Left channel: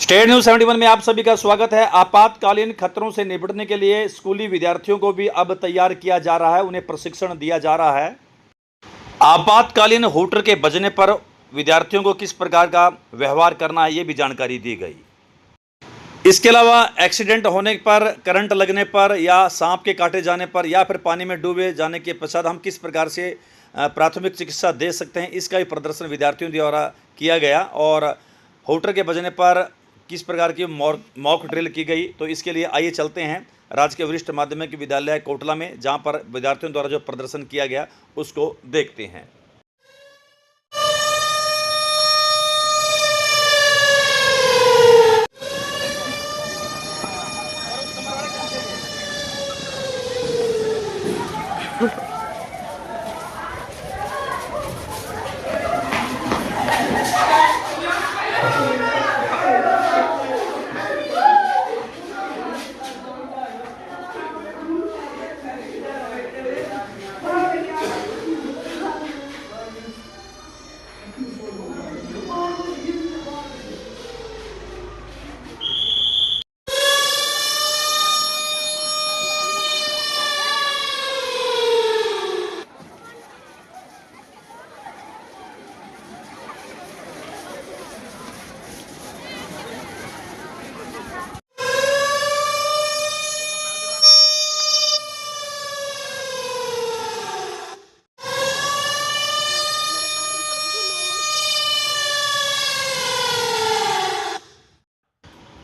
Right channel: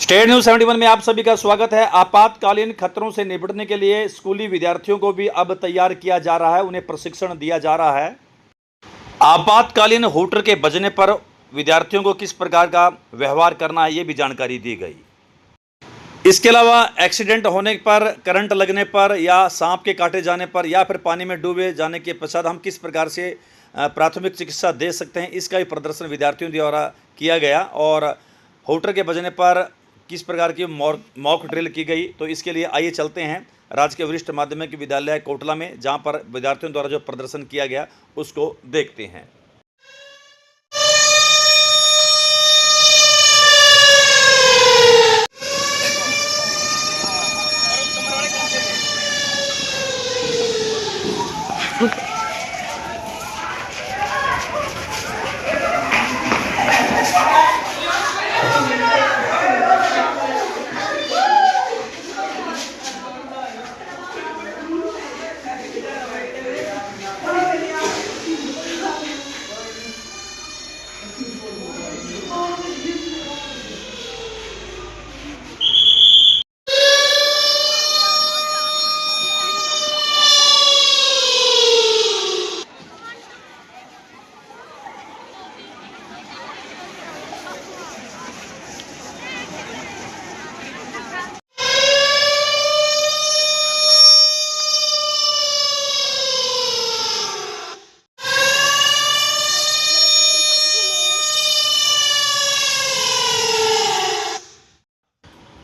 State news 71 में आप सभी का स्वागत है। आपातकालीन खतरों से निपटने के लिए स्कूली विद्यार्थियों को भी अब तैयार किया जा रहा है, उन्हें प्रशिक्षण दिया जा रहा है। आपातकालीन हूटर के बजने पर विद्यार्थियों को किस प्रकार का व्यवहार करना है, ये भी जानकारी दी गई। इसके अलावा एक्सीडेंट होने पर, करंट लगने पर या सांप के काटे जाने पर या फिर पानी में डूबे जाने के पश्चात हम किस प्रकार से प्राथमिक चिकित्सा दे सकते हैं, इसका भी प्रदर्शन विद्यार्थियों द्वारा किया गया। और हूटर के बजने पर किस प्रकार की मॉक ड्रिल की गई, तो इसके लिए आइए चलते हैं राजकीय वरिष्ठ माध्यमिक विद्यालय कोटला में, जहां पर विद्यार्थियों द्वारा जो प्रदर्शन किया गया उसको देखते हैं।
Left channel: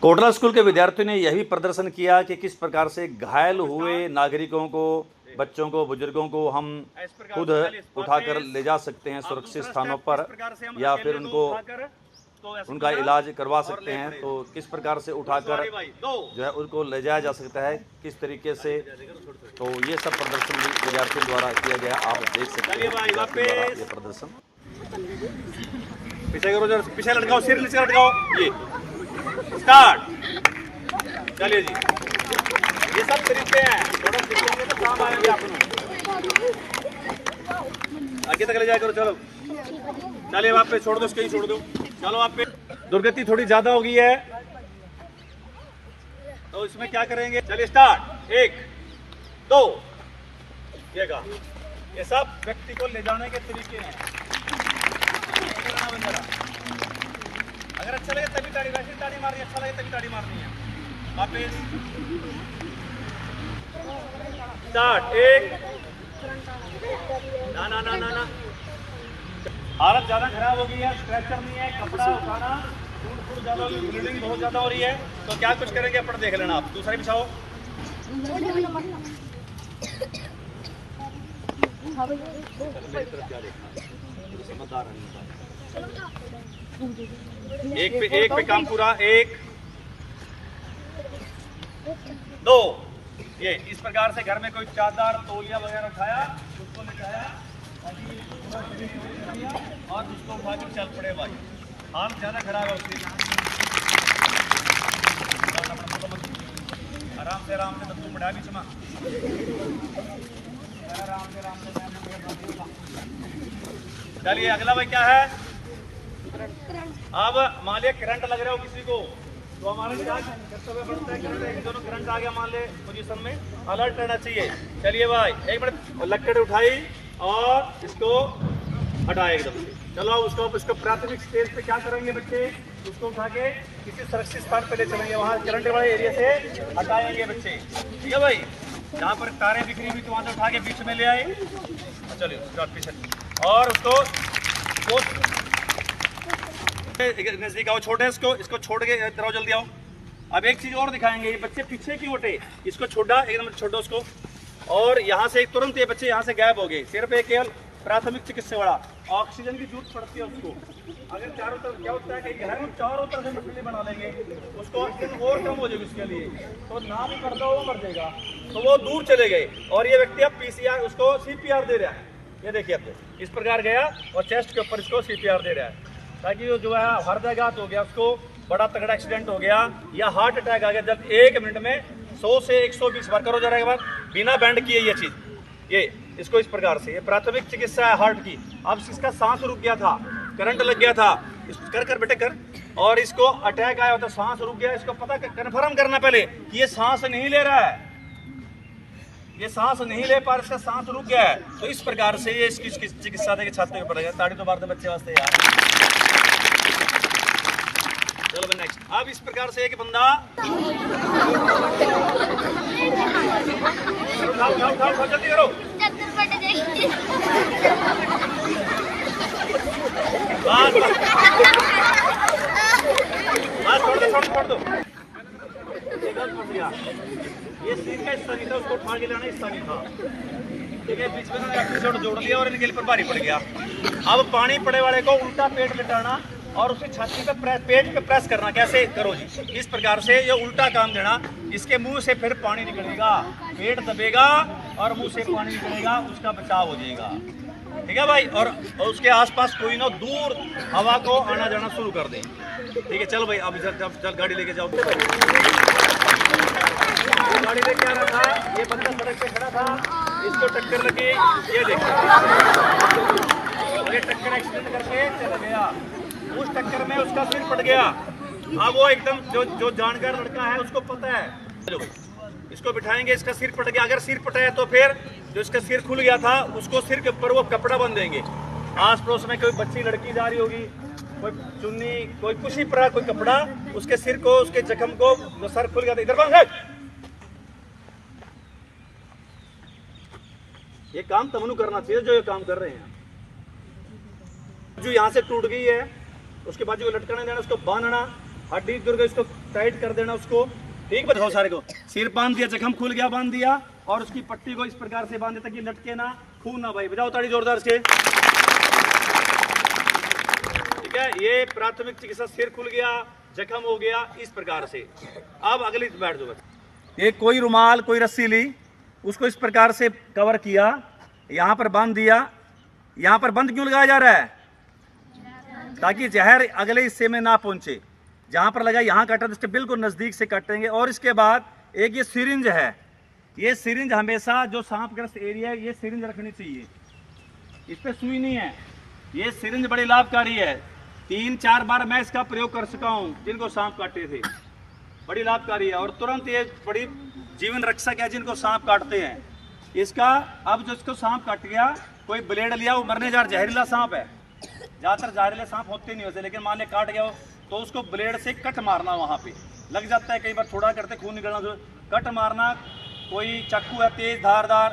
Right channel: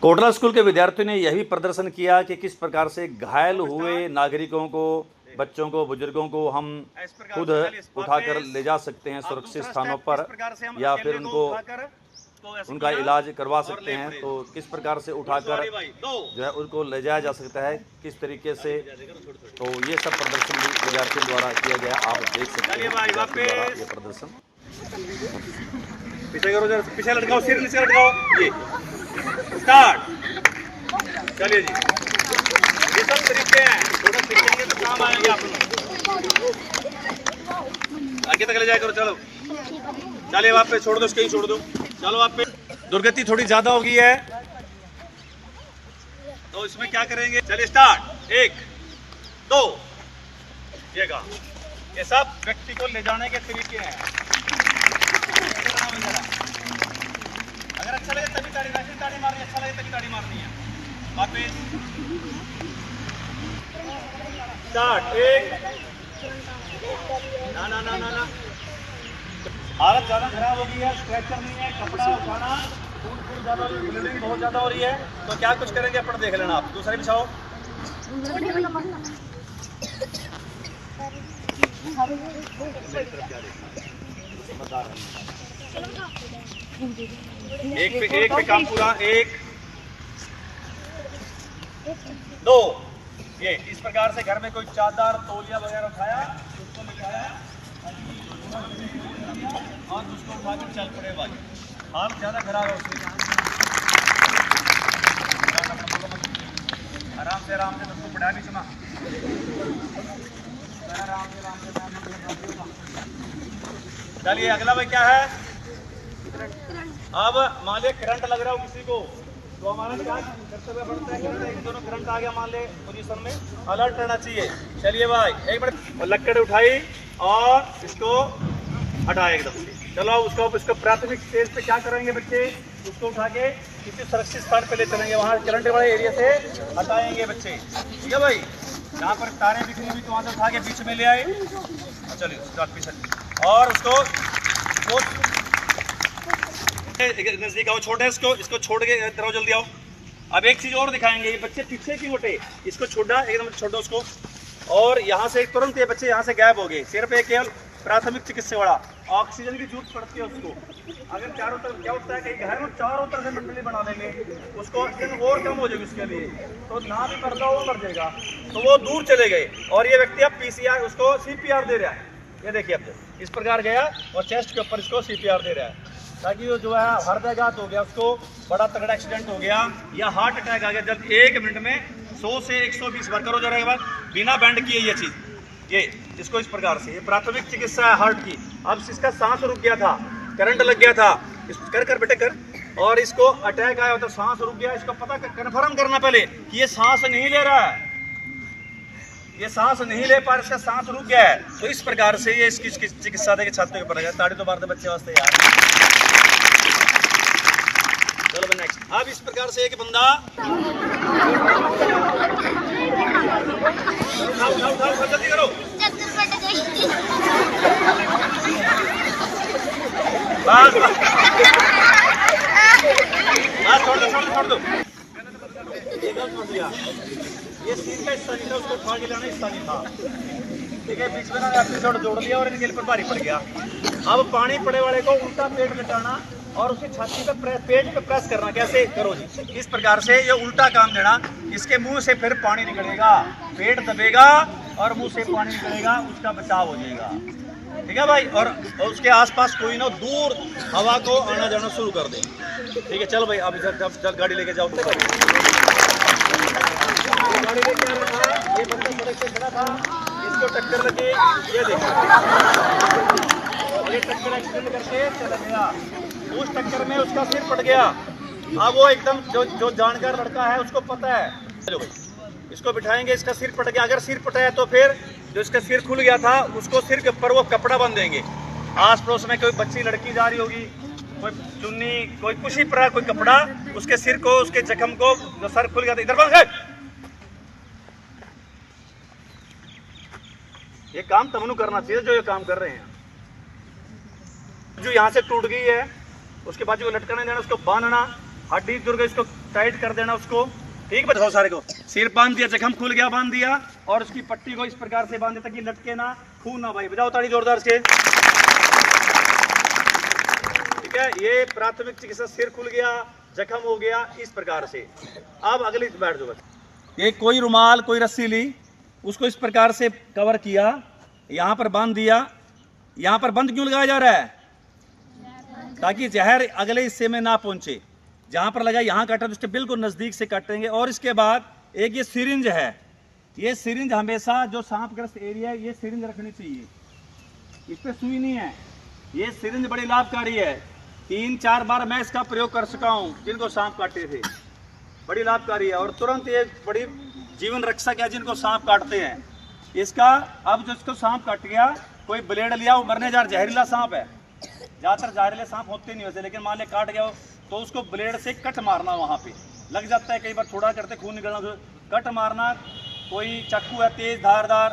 कोटला स्कूल के विद्यार्थियों ने यह भी प्रदर्शन किया कि किस प्रकार से घायल हुए नागरिकों को, बच्चों को, बुजुर्गों को हम खुद उठाकर ले जा सकते हैं सुरक्षित स्थानों पर, या फिर उनका इलाज करवा सकते हैं। तो किस प्रकार से उठाकर जो है उनको ले जाया जा सकता है, किस तरीके से, तो ये सब प्रदर्शन भी विद्यार्थियों द्वारा किया गया। आप देख सकते हैं विद्यार्थियों द्वारा ये प्रदर्शन। पीछे करो, पीछे लटकाओ, सिर नीचे लटकाओ, ये स्टार्ट। चलिए जी, ये सब तरीके हैं, थोड़ा सीखेंगे तो काम आएंगे आप लोग। आगे तक ले जाया करो, चलो चलिए वहाँ पे छोड़ दो, कहीं छोड़ दो। चलो वहाँ पे दुर्गति थोड़ी ज्यादा हो गई है, तो इसमें क्या करेंगे, चलिए स्टार्ट। 1 2 ये सब व्यक्ति को ले जाने के तरीके हैं। अगर अच्छा लगे तभी ताड़ी मारनी, अच्छा लगे तभी ताड़ी मारनी है। वापस स्टार्ट। 1 ना हालत ज्यादा खराब हो गई है, स्ट्रेचर नहीं है, कपड़ा उठाना, फूट ज्यादा हो रही है, ब्लीडिंग बहुत ज्यादा हो रही है, तो क्या कुछ करेंगे अपन देख लेना। आप दूसरा बिछाओ। एक पे काम पूरा। 1 2 ये इस प्रकार से घर में कोई चादर, तौलिया वगैरह उठाया, उसको लिखाया और उसको उठाकर चल पड़े भाई। हाल ज्यादा खराब है उसकी। आराम से उसको पड़ा भी चमा। चलिए अगला भाई क्या है। अब मान लिया करंट लग रहा हो किसी को, तो हमारा क्या कर्तव्य बनता है, करंट एक दोनों करंट आ गया मान ले पोजीशन में, अलर्ट रहना चाहिए। चलिए भाई एक मिनट, लकड़ उठाई और इसको हटाए एकदम से। चलो उसको इसको प्राथमिक स्टेज पे क्या करेंगे बच्चे, उसको उठा के किसी सुरक्षित स्थान पे ले चलेंगे, वहाँ करंट वाले एरिया से हटाएंगे बच्चे, ठीक है भाई। जहाँ पर तारें बिखरी हुई तो वहाँ से उठा के बीच में ले आए। चलिए पीछे, और उसको नजदीक आओ, छोटे इसको छोड़ के तरह जल्दी आओ। अब एक चीज और दिखाएंगे, ये बच्चे पीछे क्यों उठे, इसको छोड़ा एकदम, छोड़ो उसको। और यहाँ से तुरंत ये बच्चे यहाँ से गायब हो गए। सिर्फ एक केवल प्राथमिक चिकित्सा वाला ऑक्सीजन की जरूरत पड़ती है उसको। अगर चारों तरफ क्या होता है, कई घर में चारों तरफ से मंडली बना लेंगे, उसको ऑक्सीजन और कम हो जाएगी उसके लिए, तो ना भी करता वो मर जाएगा। तो वो दूर चले गए और ये व्यक्ति अब पीसीआर, उसको सीपीआर दे रहा है। ये देखिए अब इस प्रकार गया और चेस्ट के ऊपर इसको सीपीआर दे रहा है, ताकि वो जो है हृदयाघात हो गया, उसको बड़ा तगड़ा एक्सीडेंट हो गया या हार्ट अटैक आ गया, जब 1 मिनट में 100 से 120 बार करो जरा एक बार, बिना बैंड किए ये चीज, ये इसको इस प्रकार से, ये प्राथमिक चिकित्सा है हार्ट की। अब इसका सांस रुक गया था, करंट लग गया था, कर बेटे कर, और इसको अटैक आया तो सांस रुक गया, इसको पता कन्फर्म करना पहले कि ये सांस नहीं ले रहा है, ये सांस नहीं ले पा रहा, इसका सांस रुक गया है। तो इस प्रकार से ये इसकी चिकित्सा देके छात्रों के पड़ेगा। ताड़ी तो मारते बच्चे वास्ते यार। चलो नेक्स्ट। अब इस प्रकार से एक बंदा उठाओ जल्दी करो। छोड़ दो। ये सीट का हिस्सा नहीं था, उसको उठा के लाना हिस्सा नहीं था, ठीक है। बीच में ना एपिसोड जोड़ लिया और इनके लिए भारी पड़ गया। अब पानी पड़े वाले को उल्टा पेट लिटाना और उसकी छाती पे पेट पे प्रेस करना। कैसे करो जी? इस प्रकार से ये उल्टा काम देना, इसके मुंह से फिर पानी निकलेगा, पेट दबेगा और मुंह से पानी निकलेगा, उसका बचाव हो जाएगा, ठीक है भाई। और उसके आसपास कोई ना दूर हवा को आना जाना शुरू कर दे, ठीक है। चलो भाई अब जब गाड़ी लेके जाओ। गाड़ी लेके आ रहा था, ये बंदा सड़क पे खड़ा था, इसको टक्कर लगी, ये देखो ये टक्कर एक्सीडेंट करके चला गया। उस टक्कर में उसका सिर फट गया। अब वो एकदम जो जानकार लड़का है उसको पता है, चलो इसको बिठाएंगे, इसका सिर फट गया। अगर सिर फटा है तो फिर जो इसका सिर खुल गया था उसको सिर के ऊपर वो कपड़ा बांध देंगे। आस पड़ोस में कोई बच्ची लड़की जा रही होगी, कोई चुन्नी, कोई कुछ ही पड़ा, कोई कपड़ा, उसके सिर को, उसके जख्म को, जो सर खुल गया था, इधर बांध। ये काम तमनु करना चाहिए जो ये काम कर रहे हैं। जो यहाँ से टूट गई है उसके बाद जो लटकने देना, उसको बांधना, हड्डी जुड़ गई उसको टाइट कर देना उसको, ठीक बताओ सारे को। सिर बांध दिया, जख्म खुल गया, बांध दिया और उसकी पट्टी को इस प्रकार से बांध दिया ताकि लटके ना, खून ना भाई। बजाओ ताड़ी जोरदार से, ठीक है। ये प्राथमिक चिकित्सा, सिर खुल गया, जख्म हो गया, इस प्रकार से। अब अगली बैठ जाओ। ये कोई रुमाल, कोई रस्सी ली, उसको इस प्रकार से कवर किया, यहाँ पर बांध दिया। यहाँ पर बंद क्यों लगाया जा रहा है? ताकि जहर अगले हिस्से में ना पहुंचे। जहाँ पर लगा यहाँ काटा तो उसके बिल्कुल नज़दीक से काटेंगे। और इसके बाद एक ये सिरिंज है, ये सिरिंज हमेशा जो सांपग्रस्त एरिया है ये सिरिंज रखनी चाहिए, इस पर सुई नहीं है। ये सिरिंज बड़ी लाभकारी है, 3-4 बार मैं इसका प्रयोग कर चुका हूँ जिनको सांप काटे थे, बड़ी लाभकारी है और तुरंत ये बड़ी जीवन रक्षक है जिनको सांप काटते हैं। इसका अब जो इसको सांप काट गया, कोई ब्लेड लिया, वो मरने जा, जहरीला सांप है, ज़्यादातर जहरीले सांप होते नहीं वैसे, लेकिन मान ले काट गया हो तो उसको ब्लेड से कट मारना, वहाँ पे लग जाता है, कई बार थोड़ा करते खून निकलना, तो कट मारना। कोई चाकू है तेज धारदार,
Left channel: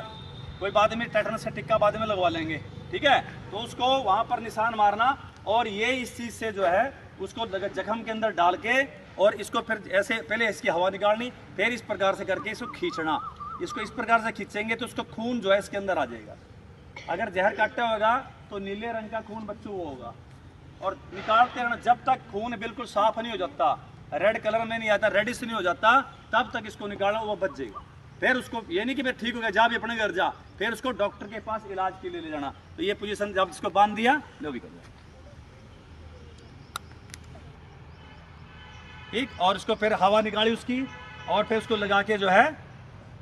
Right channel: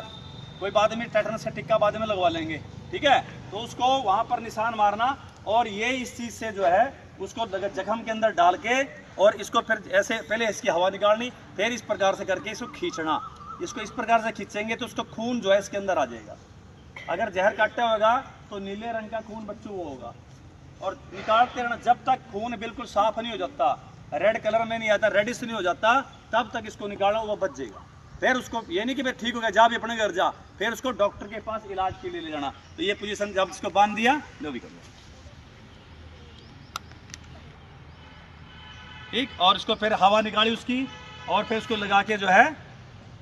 कोई बाद में टेटनस से टिक्का बाद में लगवा लेंगे, ठीक है। तो उसको वहाँ पर निशान मारना और ये इस चीज़ से जो है उसको जख्म के अंदर डाल के और इसको फिर ऐसे पहले इसकी हवा निकालनी, फिर इस प्रकार से करके इसको खींचना। इसको इस प्रकार से खींचेंगे तो उसको खून जो है इसके अंदर आ जाएगा। अगर जहर काटा होगा तो नीले रंग का खून बच्चों वो होगा और निकालते रहना जब तक खून बिल्कुल साफ नहीं हो जाता, रेड कलर में नहीं आता, रेडिश नहीं हो जाता, तब तक इसको निकालना, वो बच जाएगा। फिर उसको ये नहीं कि फिर ठीक हो गया जा भी अपने घर जा, फिर उसको डॉक्टर के पास इलाज के लिए ले जाना। तो ये पोजीशन जब इसको बांध दिया, जो भी कर दिया, ठीक। और उसको फिर हवा निकाली उसकी और फिर उसको लगा के जो है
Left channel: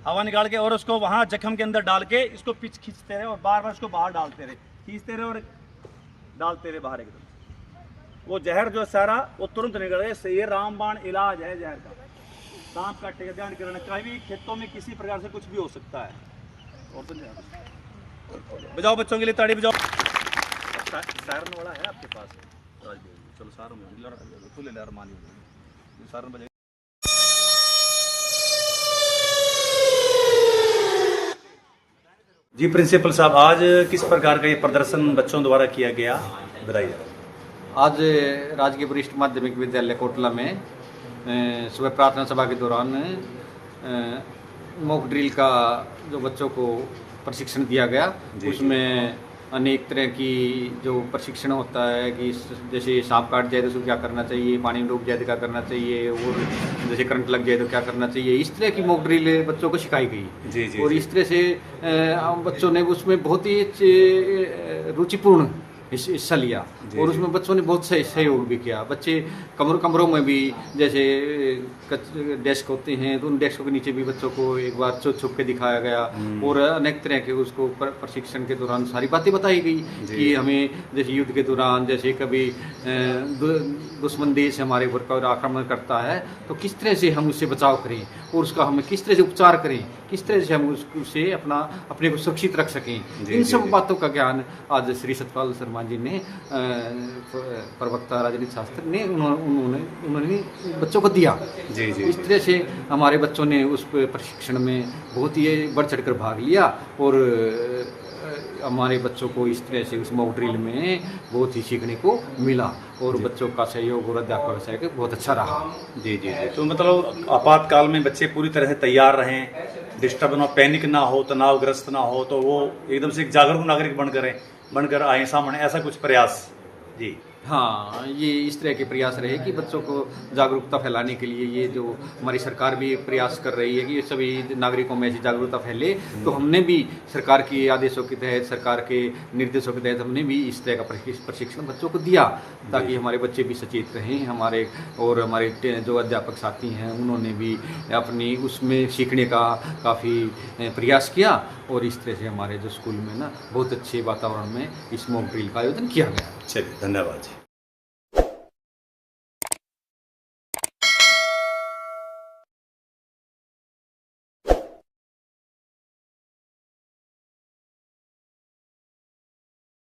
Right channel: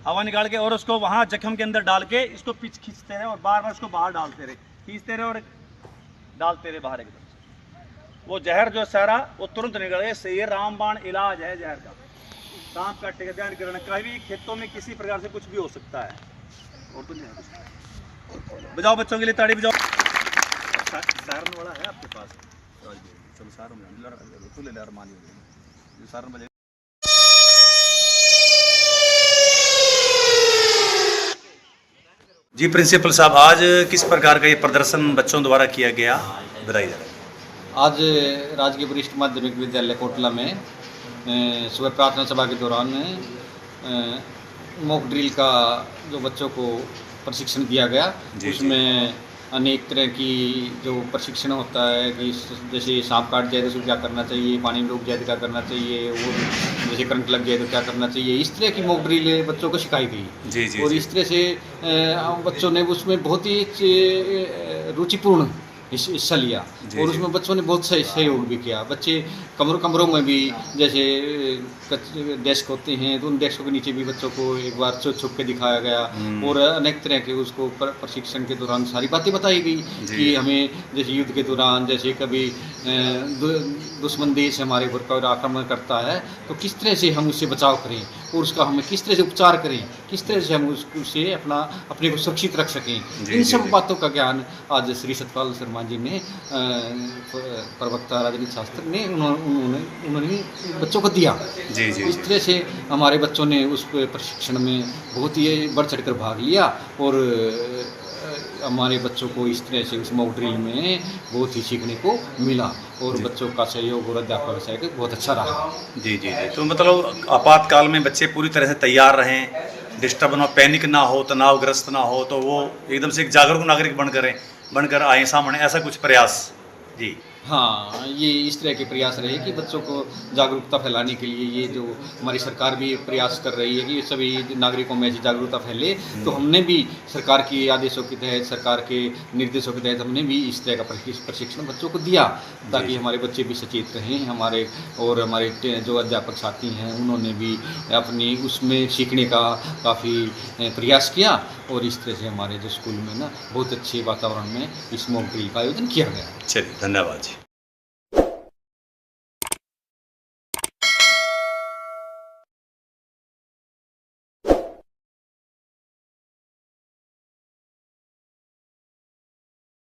हवा निकाल के और उसको वहाँ जख्म के अंदर डाल के इसको पिच खींचते रहे और बार बार उसको बाहर डालते रहे, खींचते रहे और डालते रहे बाहर एकदम। वो जहर जो सारा वो तुरंत निकल गया। ये रामबाण इलाज है जहर का। सांप काटेगा, ध्यान करना, कभी खेतों में किसी प्रकार से कुछ भी हो सकता है। और तो नहीं बजाओ बच्चों के लिए ताड़ी बजाओ। सायरन वाला है आपके पास? चलो सायरन मानी सायरन बजे। जी प्रिंसिपल साहब, आज किस प्रकार का ये प्रदर्शन बच्चों द्वारा किया गया, बताइए। आज राजकीय वरिष्ठ माध्यमिक विद्यालय कोटला में सुबह प्रार्थना सभा के दौरान मॉक ड्रिल का जो बच्चों को प्रशिक्षण दिया गया, उसमें अनेक तरह की जो प्रशिक्षण होता है कि जैसे सांप काट जाए तो उसको क्या करना चाहिए, पानी में डूब जाए तो क्या करना चाहिए, और जैसे करंट लग जाए तो क्या करना चाहिए, इस तरह की मॉक ड्रिल बच्चों को सिखाई गई। और इस तरह से बच्चों ने उसमें बहुत ही रुचिपूर्ण हिस्सा लिया जी, और जी। उसमें बच्चों ने बहुत सही सहयोग भी किया। बच्चे कमरों में भी जैसे डेस्क होते हैं तो उन डेस्कों के नीचे भी बच्चों को एक बार छुप के दिखाया गया और अनेक तरह के उसको प्रशिक्षण के दौरान सारी बातें बताई गई जी। कि हमें जैसे युद्ध के दौरान जैसे कभी दुश्मन देश हमारे ऊपर का आक्रमण करता है तो किस तरह से हम उससे बचाव करें और उसका हमें किस तरह से उपचार करें, किस तरह से हम उससे अपने को सुरक्षित रख सकें। जी, इन जी, सब जी। बातों का ज्ञान आज श्री सतपाल शर्मा जी ने प्रवक्ता राजनीति शास्त्र ने उन्होंने बच्चों को दिया। जी, जी, इस जी। तरह से हमारे बच्चों ने उस प्रशिक्षण में बहुत ही बढ़ चढ़कर भाग लिया और हमारे बच्चों को इस तरह से उस मॉक ड्रिल में बहुत ही सीखने को मिला और जी। बच्चों का सहयोग और अध्यापक का सहयोग बहुत अच्छा रहा। जी, जी, जी। तो मतलब आपातकाल में बच्चे पूरी तरह से तैयार रहें, डिस्टर्ब ना हो, पैनिक ना हो, तनावग्रस्त ना हो, तो वो एकदम से एक जागरूक नागरिक बनकर आएँ सामने, ऐसा कुछ प्रयास? जी। हाँ, ये इस तरह के प्रयास रहे कि बच्चों को जागरूकता फैलाने के लिए ये जो हमारी सरकार भी प्रयास कर रही है कि सभी नागरिकों में ऐसी जागरूकता फैले, तो हमने भी सरकार के आदेशों के तहत, सरकार के निर्देशों के तहत हमने भी इस तरह का प्रशिक्षण बच्चों को दिया ताकि हमारे बच्चे भी सचेत रहें। हमारे जो अध्यापक साथी हैं उन्होंने भी अपनी उसमें सीखने का काफ़ी प्रयास किया और इस तरह से हमारे जो स्कूल में ना बहुत अच्छे वातावरण में इस मॉक ड्रिल का आयोजन किया गया। चलिए, धन्यवाद जी।